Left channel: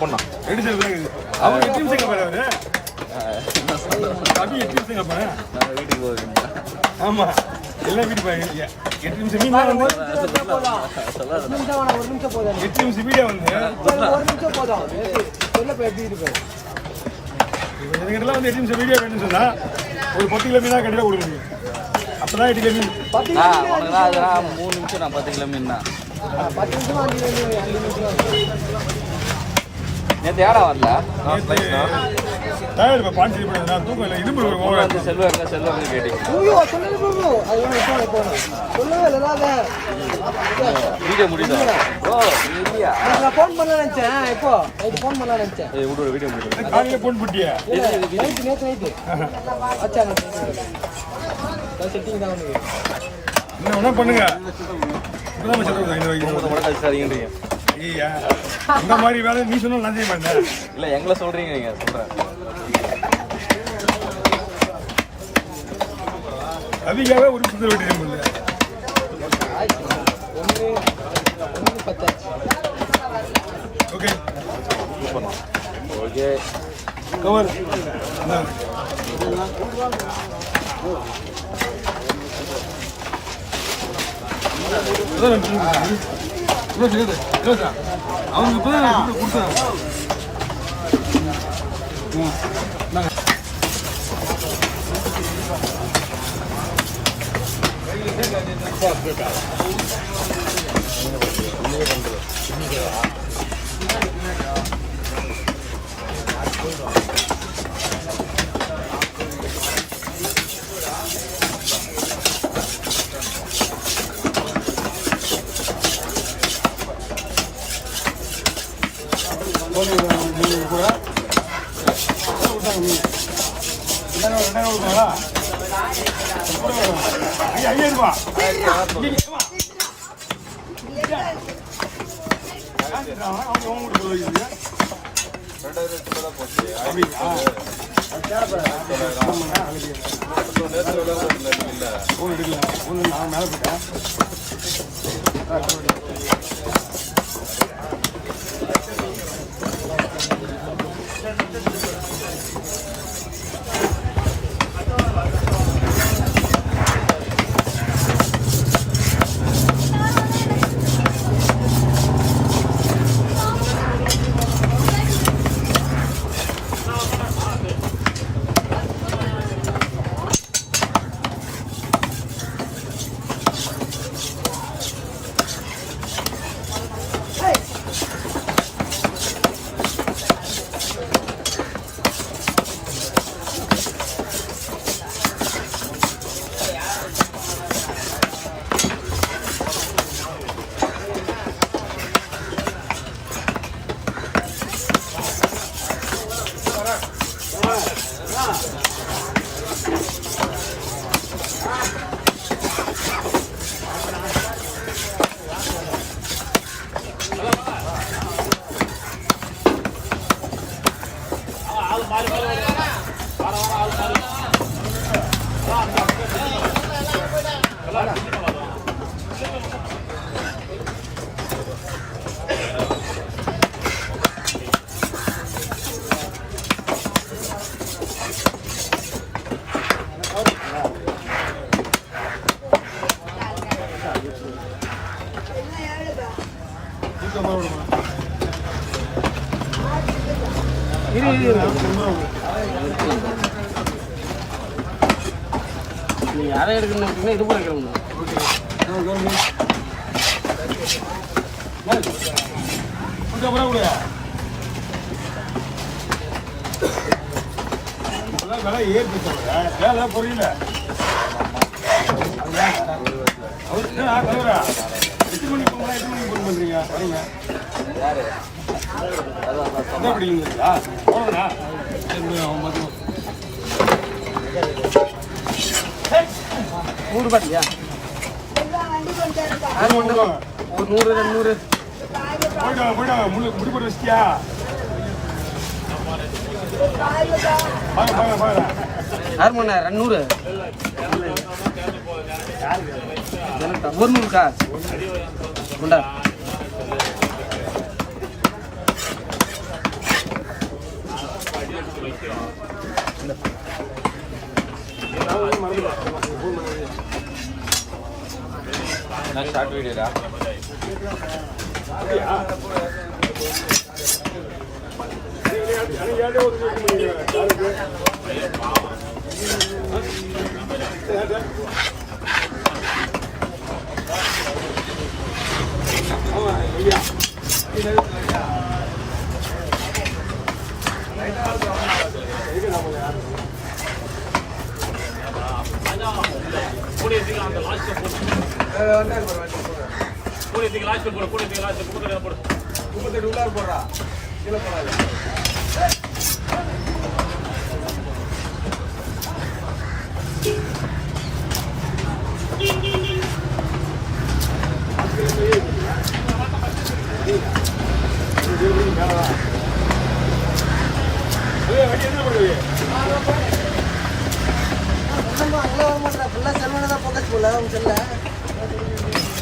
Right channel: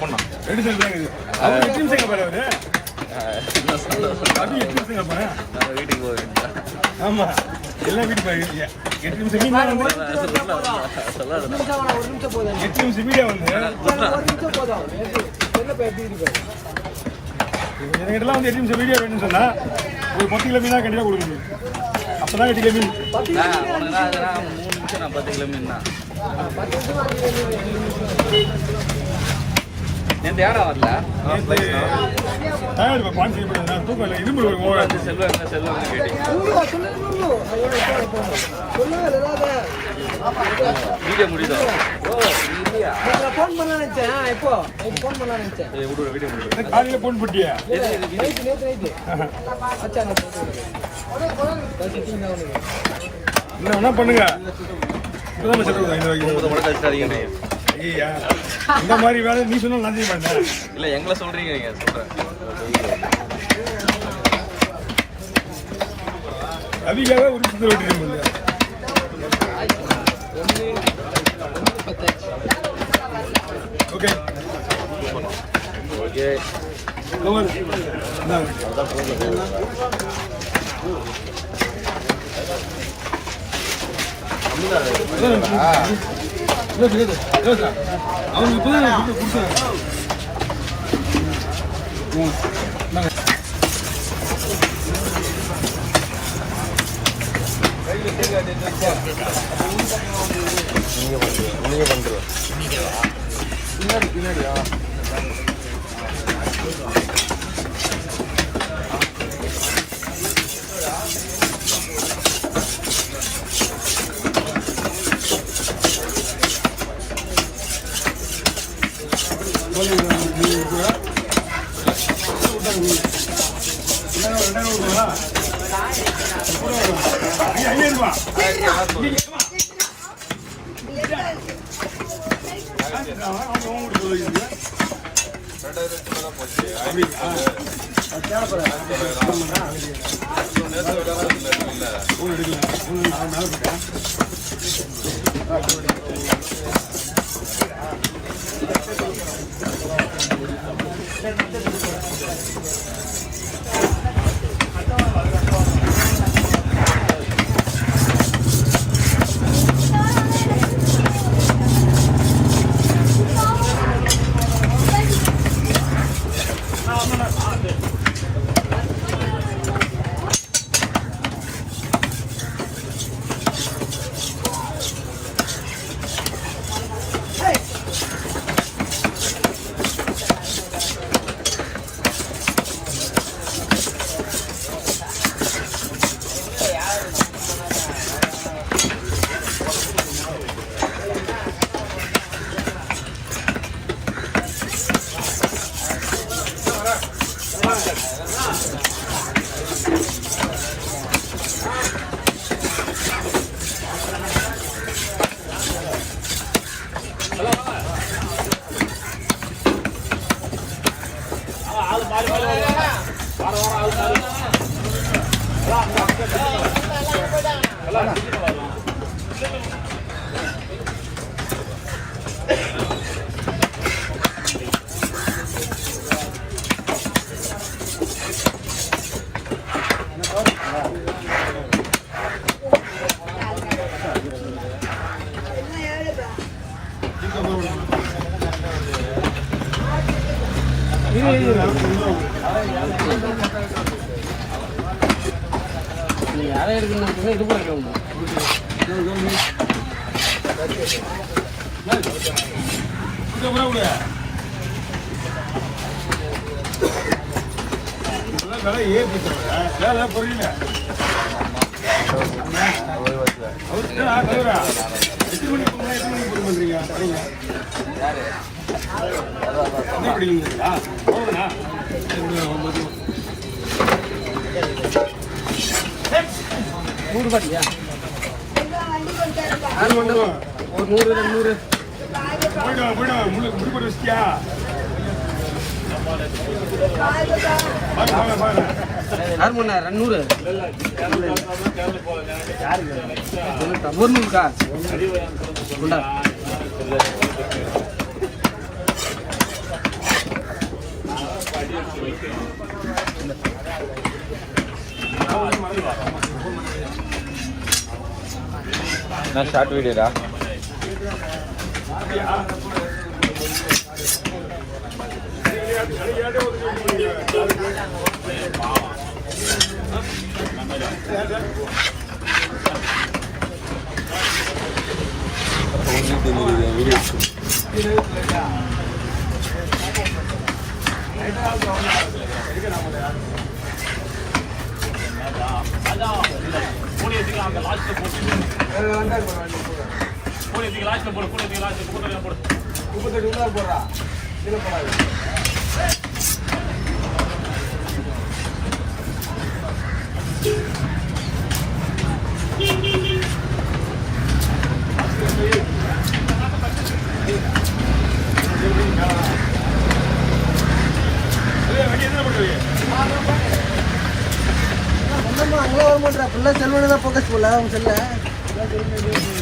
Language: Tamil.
பொண்ணா 2 செல் தான் அவர் 8 நிமிஷம் பாரு அவரு அது 8 நிமிஷம் பாரு நான் வீட்டுக்கு போறேன் ஆமா எல்லாம் வீட்டுக்கு போறீங்க 8 நிமிஷம் மீன் வந்து சொல்லாத 8 நிமிஷம் வீடியோ வந்து 1 நிமிஷம் போதும் என்ன பேசி இருக்கு இப்போ எனக்கிட்டலாம் வந்து 8 நிமிஷம் வீடியோ வேணும்னு சொன்னா ஒரு 10 கிலோ மீனா கண்டிப்பா கொடுக்கணும் அப்பதான் 8 கிலோ மீன் உனக்கு அதெல்லாம் 3 நிமிஷம் நான் 10 கிலோ மீன் தான் நேற்று ஏடா வரல நேற்று டயர்டு பாஞ்சு நான் தூக்கம் இல்லை இரும்பு செல்வம் கேட்டீங்க வீடியோ முடியும் காலையில போன் போட்டியா என்ன வேணா பண்ணுங்க ஐயா இந்த மாதிரி வேலை நீ சொன்னா நான் செய்ய மாட்டேன் இல்ல எங்களை சொல்றீங்க நீங்க கவிக்காக ஒரு சுத்தர் வெட்டிட்டு முடியல ஓகே ஓகே கவர் அவனுக்கு இப்பதான் கொடுத்தான் நீங்க பண்றோம் யாரை எடுக்கணும் இது போய் புரியல யாரு ₹100 ஒரு 100 முடிப்பட வச்சியா யார் பண்ண 200 100 கா குண்டா வீடியோடா செல்வன் தான் ஃபோக்கஸ் பண்ணல